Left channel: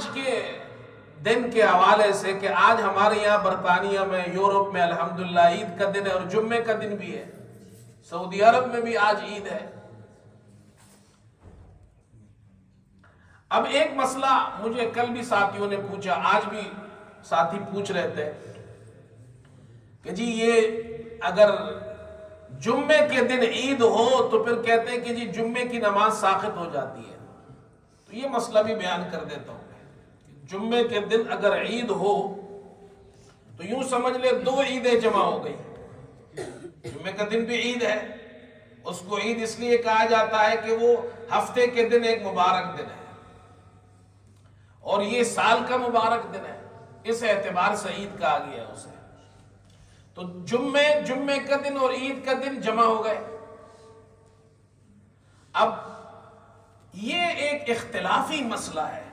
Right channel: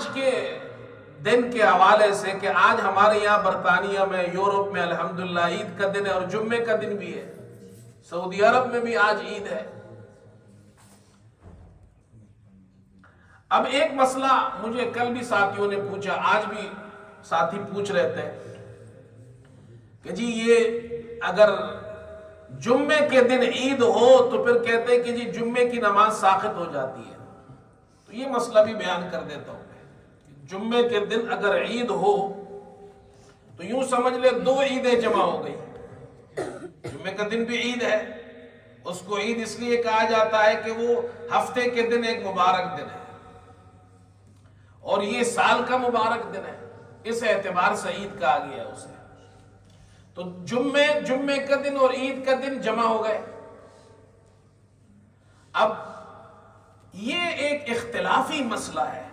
آج کے دن کے حوالے سے کہ آج ہمارے یہاں برطانیہ میں، یورپ میں الحمدللہ عید کا دن ہے اور جمعے کا دن بھی ہے، سعودی عرب میں بھی آج عید ہے۔ اب ایک مسئلہ مجھے کل بھی ساتھیوں نے پوچھا، آج بھی ساتھی پوچھ رہے تھے کہ جی یہ اگر جمعے کے دن عید ہو تو پھر کہتے ہیں کہ جی جمعے کی نماز ساقط ہو جاتی ہے۔ تو یہ مسئلہ بھی بیان کر دیتا ہوں۔ جمعے کے دن اگر عید ہو تو یوں سمجھ لے دو عیدیں جمع ہو گئی۔ جمعے کا دن بھی عید ہے، اس کو عید اس لیے کہا جاتا ہے کہ وہ ہفتے کے دن ایک مبارک دن ہے اور یہ سال کا مبارک دن ہے، اس اعتبار سے عید کہا گیا ہے اسے۔ تو جمعے کا دن اور عید کا دن جمع ہو گئے۔ اب یہ ایک اختلافی مسئلہ ہے۔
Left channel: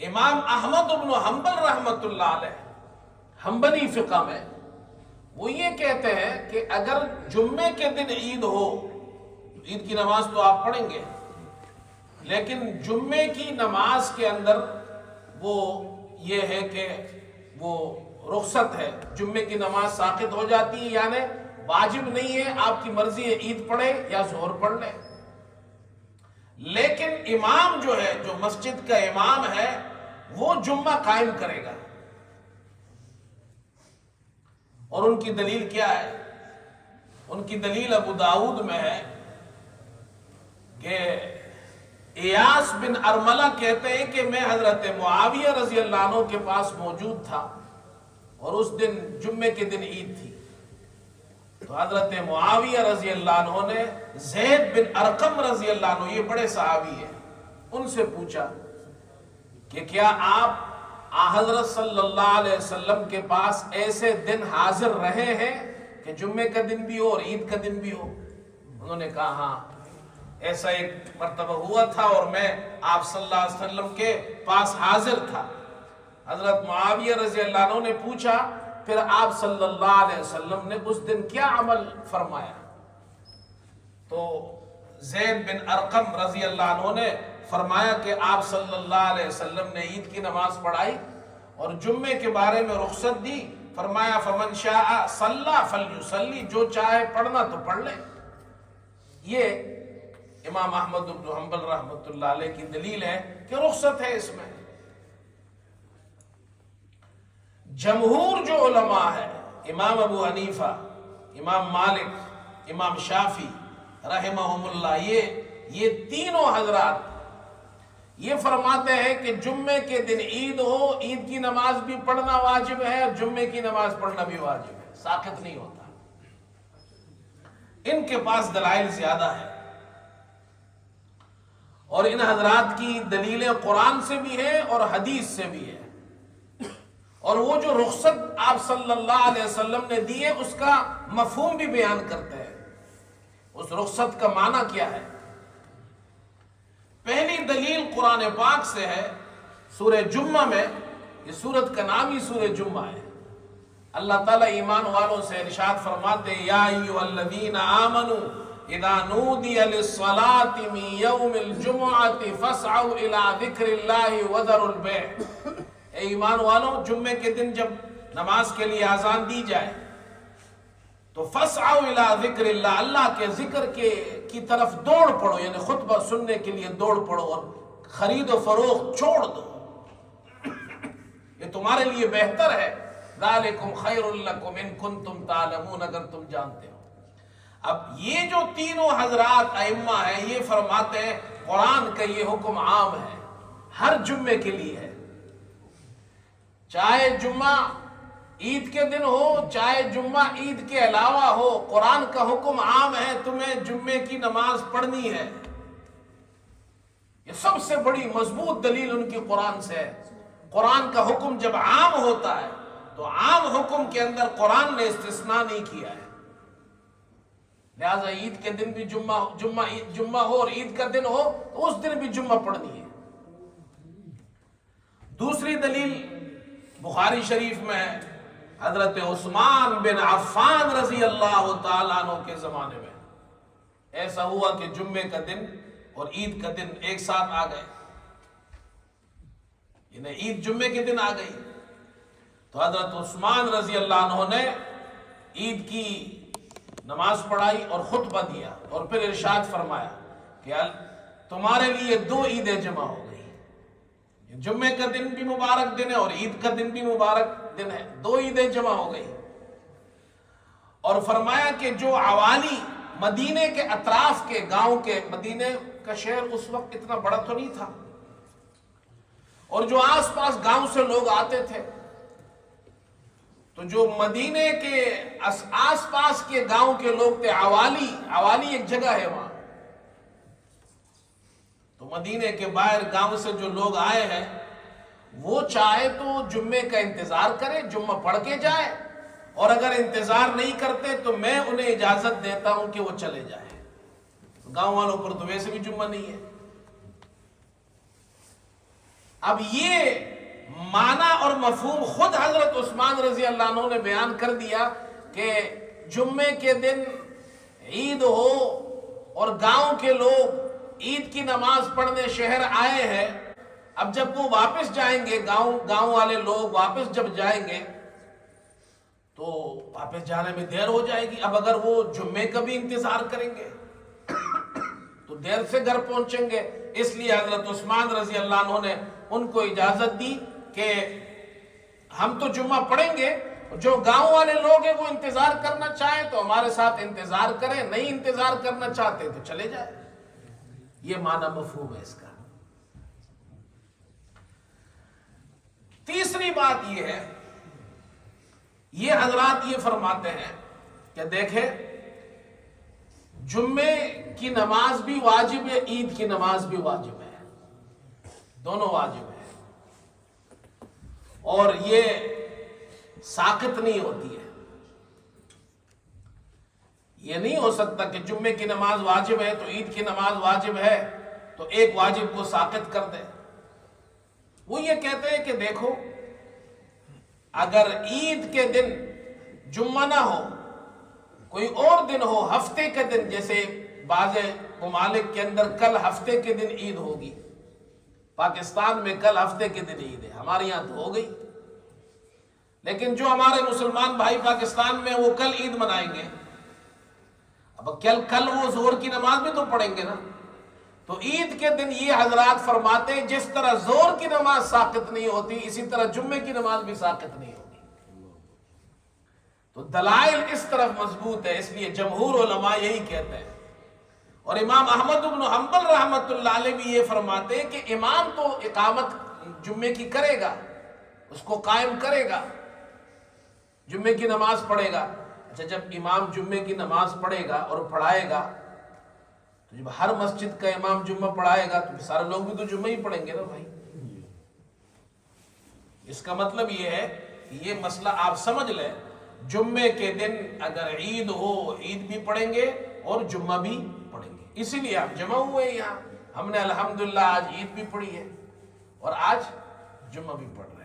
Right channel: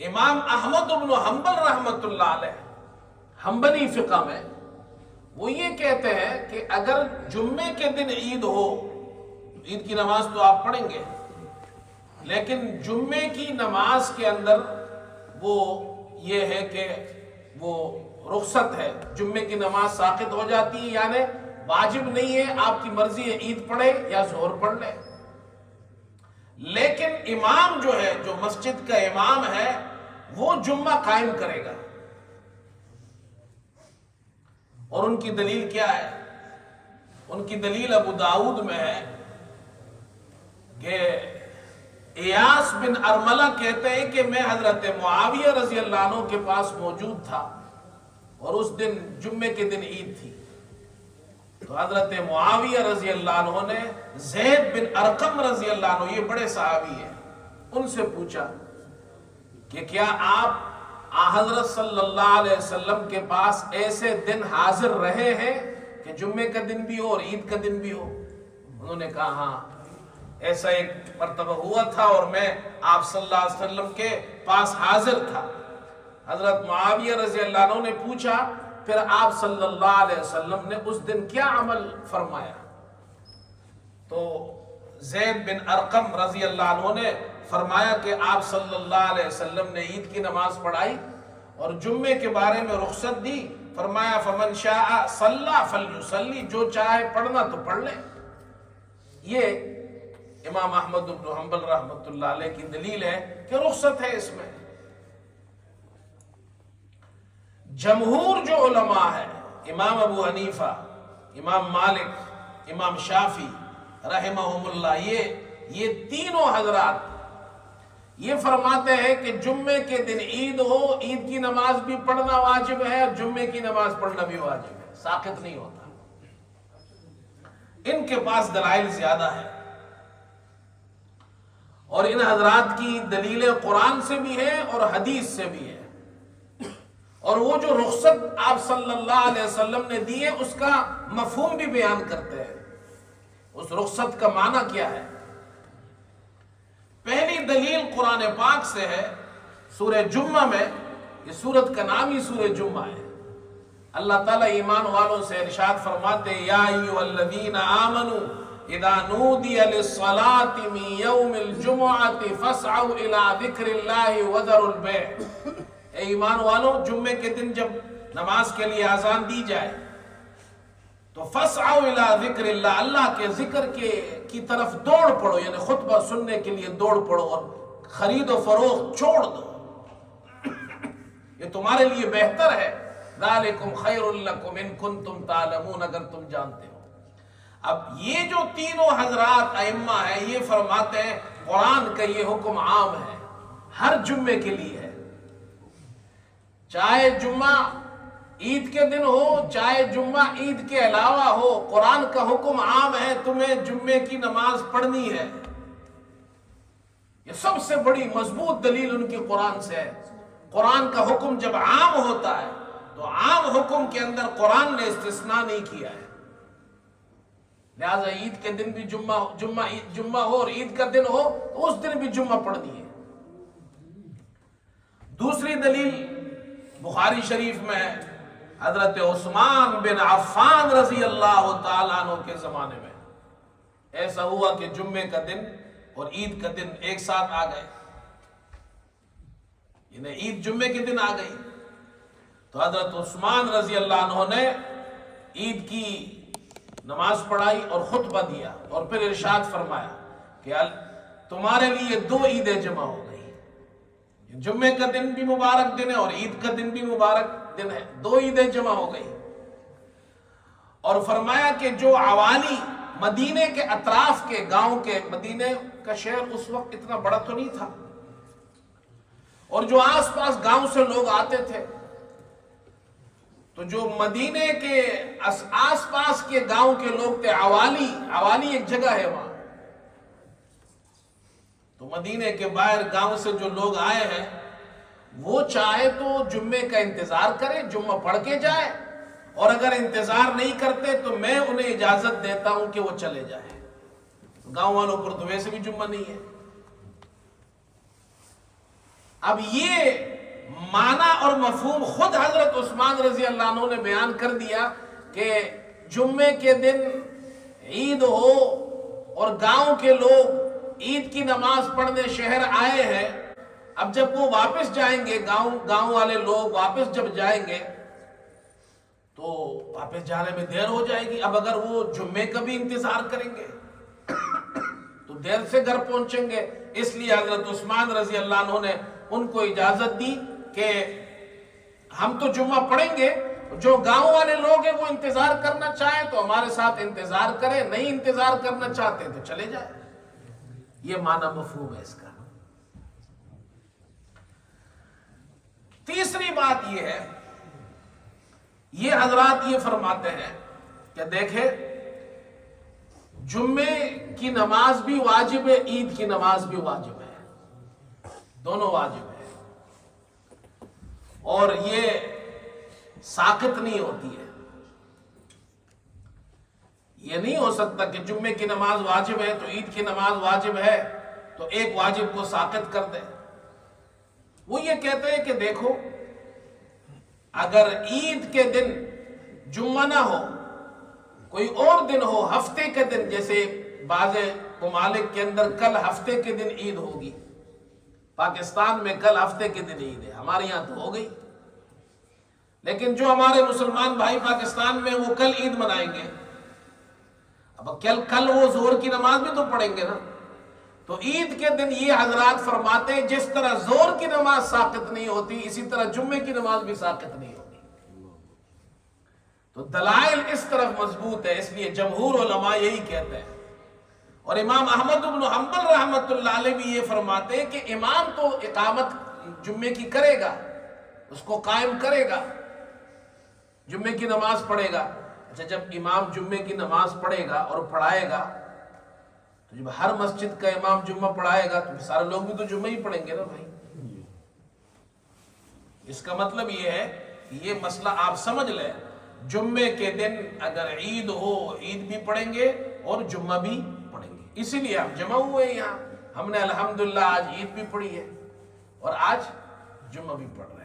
امام احمد بن حنبل رحمۃ اللہ علیہ حنبلی فقہ میں وہ یہ کہتے ہیں کہ اگر جمعے کے دن عید ہو، عید کی نماز تو آپ پڑھیں گے، لیکن جمعے کی نماز کے اندر وہ یہ ہے کہ وہ رخصت ہے، جمعے کی نماز ساقط ہو جاتی ہے، یعنی واجب نہیں ہے، آپ کی مرضی ہے عید پڑھے یا ظہر پڑھ لے۔ لیکن امام جو ہے، جو مسجد کا امام ہے، وہ جمعہ قائم کرے گا۔ اور ان کی دلیل کیا ہے؟ ان کی دلیل ابو داؤد میں ہے کہ ایاس بن ارملہ کہتے ہیں کہ میں حضرت معاویہ رضی اللہ عنہ کے پاس موجود تھا اور اس دن جمعے کے دن عید تھی۔ تو حضرت معاویہ رضی اللہ عنہ نے زید بن ارقم رضی اللہ عنہ، یہ بڑے صحابی ہیں، ان سے پوچھا کہ کیا آپ حضرت صلی اللہ علیہ وسلم کے پاس ایسے دن حاضر رہے ہیں کہ جمعے کا دن بھی ہو اور عید کا دن بھی ہو؟ انہوں نے کہا ہاں، ایسا ایک مرتبہ ہوا تھا اور میں آپ صلی اللہ علیہ وسلم کے پاس حاضر تھا۔ حضرت معاویہ رضی اللہ عنہ نے پوچھا پھر آپ صلی اللہ علیہ وسلم نے اس دن کیا عمل فرمایا؟ تو زید بن ارقم رضی اللہ عنہ نے فرمایا کہ آپ صلی اللہ علیہ وسلم نے عید کی نماز پڑھائی اور جمعے کے بارے میں رخصت دی، فرمایا فمن شاء صلی فلیصلی، جو چاہے پڑھنا تو پڑھ لے۔ یہ امام احمد بن حنبل رحمۃ اللہ علیہ کی دلیل ہے کہ رخصت ہے اس میں۔ جمہور جو علماء ہے، امام ابو حنیفہ، امام مالک، امام شافعی رحمہم اللہ، یہ تینوں حضرات یہ فرماتے ہیں کہ جمعے کے دن عید ہو، عید کی نماز بھی پڑھنا واجب ہے اور جمعے کی نماز پڑھنا بھی واجب ہے، ساقط نہیں ہوتا۔ ان کے پاس دلائل زیادہ ہے اور ان حضرات کی دلیلیں قرآن سے بھی ہیں اور حدیث سے بھی ہیں، اور وہ جو رخصت آپ صلی اللہ علیہ وسلم نے دی ہے اس کا مفہوم بھی بیان کرتے ہیں۔ اس رخصت کا معنی کیا ہے؟ پہلی دلیل قرآن پاک سے ہے، سورہ جمعہ میں، یہ سورت کا نام ہی سورہ جمعہ ہے۔ اللہ تعالیٰ ایمان والوں سے ارشاد فرماتے ہیں یا ایھا الذین آمنوا اذا نودی للصلاة من یوم الجمعة فاسعوا الی ذکر اللہ وذروا البیع۔ اے ایمان والوں، جمعے کے دن جب نماز کے لیے اذان دی جائے تو فاسعوا الی ذکر اللہ، اللہ کے ذکر کی طرف دوڑ پڑو، یعنی خطبہ سننے کے لیے دوڑ پڑو اور خرید و فروخت چھوڑ دو، یہ تمہارے لیے بہتر ہے۔ ذالکم خیر لکم ان کنتم تعلمون، اگر تم جانتے ہو۔ اب یہ جو تینوں حضرات ائمہ ہیں یہ فرماتے ہیں قرآن کا یہ حکم عام ہے، ہر جمعے کے لیے ہے، چاہے جمعہ عید کے دن ہو چاہے جمعہ عید کے علاوہ ہو، قرآن کا حکم عام ہے، تمہیں جمعے کی نماز پڑھنی ہے۔ یہ سب سے بڑی مضبوط دلیل ان کی قرآن سے ہے۔ قرآن کا حکم جب عام ہوتا ہے تو عام حکم کے اندر قرآن نے استثناء نہیں کیا ہے، لہذا عید کے دن بھی جمعہ ہو اور عید کا دن ہو تو اس دن بھی جمعہ پڑھنی ہے۔ دوسری دلیل بخاری شریف میں ہے، حضرت عثمان بن عفان رضی اللہ تعالیٰ عنہ کے زمانے میں ایسا ہوا کہ جمعے کا دن اور عید کا دن ایک ساتھ آ گئے۔ انہیں عید جمعے کے دن آ گئی تو حضرت عثمان رضی اللہ عنہ نے عید کی نماز پڑھائی اور خطبہ دیا اور پھر ارشاد فرمایا کہ تمہارے لیے 2 عیدیں جمع ہو گئی، جمعے کا دن بھی مبارک دن ہے اور عید کا دن بھی مبارک دن ہے، 2 عیدیں جمع ہو گئی۔ اور فرمایا کہ جو عوالی مدینے کے اطراف کے گاؤں کے، مدینے کا شہر اس وقت اتنا بڑا تو نہیں تھا، اور جو آس پاس گاؤں سے لوگ آتے تھے، تو جو مدینے کے آس پاس کے گاؤں کے لوگ تھے، عوالی ایک جگہ ہے وہاں، تو مدینے کے باہر گاؤں سے جو لوگ آئے ہیں وہ چاہے تو جمعے کا انتظار کرے، جمعہ پڑھ کے جائے، اور اگر انتظار نہیں کرتے تو میں انہیں اجازت دیتا ہوں کہ وہ چلے جائیں، گاؤں والوں پر تو ویسے بھی جمعہ نہیں ہے۔ اب یہ معنی اور مفہوم خود حضرت عثمان رضی اللہ عنہ نے بیان کر دیا کہ جمعے کے دن عید ہو اور گاؤں کے لوگ عید کی نماز پڑھنے شہر آئے ہیں، اب جب وہ واپس جائیں گے، گاؤں والے لوگ واپس جب جائیں گے تو واپس جانے میں دیر ہو جائے گی۔ اب اگر وہ جمعے کا بھی انتظار کریں گے تو دیر سے گھر پہنچیں گے، اس لیے حضرت عثمان رضی اللہ عنہ نے ان کو اجازت دی کہ ہم تو جمعہ پڑھیں گے، جو گاؤں والے لوگ ہیں وہ انتظار کرنا چاہیں تو ہمارے ساتھ انتظار کریں، نہیں انتظار کرنا چاہتے تو چلے جائیں۔ یہ معنی مفہوم ہے اس کا۔ تیسری بات یہ ہے، یہ حضرات یہ فرماتے ہیں کہ دیکھیں جمعے کی نماز بھی واجب ہے، عید کی نماز بھی واجب ہے، دونوں واجب ہے، اور یہ ساقط نہیں ہوتی ہے۔ یہ نہیں ہو سکتا کہ جمعے کی نماز واجب ہے تو عید کی نماز واجب ہے تو ایک واجب کو ساقط کر دے۔ وہ یہ کہتے ہیں کہ دیکھو اگر عید کے دن جمعہ نہ ہو، کوئی اور دن ہو، ہفتے کے دن، جیسے بعض ممالک کے اندر کل ہفتے کے دن عید ہوگی، پاکستان میں کل ہفتے کے دن عید ہے، ہمارے یہاں تو ہو گئی، لیکن جو ہمارے مسلمان بھائی پاکستان میں وہ کل عید منائیں گے، اب کل وہ ظہر کی نماز بھی تو پڑھیں گے نا، تو عید کے دن یہ حضرات فرماتے ہیں جس طرح ظہر کی نماز ساقط نہیں ہوتی، اسی طرح جمعے کی نماز بھی ساقط نہیں ہوتی۔ تو دلائل اس طرف مضبوط ہے، اس لیے جمہور علماء یہی کہتے ہیں، اور امام احمد بن حنبل رحمۃ اللہ علیہ بھی یہ فرماتے ہیں کہ امام تو اقامت جمعے کی کرے گا، اس کو قائم کرے گا، جمعے کی نماز پڑھے گا۔ اچھا، جب امام جمعے کی نماز پڑھے گا اور پڑھائے گا تو جب ہر مسجد کا امام جمعہ پڑھائے گا تو سارے لوگ بھی تو جمعہ ہی پڑھیں گے نا بھائی۔ اس کا مطلب یہ ہے کہ یہ مسئلہ آپ سمجھ لیں، جمعے کے دن اگر عید ہو، عید بھی پڑھیں گے اور جمعہ بھی پڑھیں گے، اسی لیے ہم جمع ہوئے یہاں، ہم نے الحمدللہ آج عید بھی پڑھی ہے اور آج جمعہ بھی پڑھ رہے ہیں۔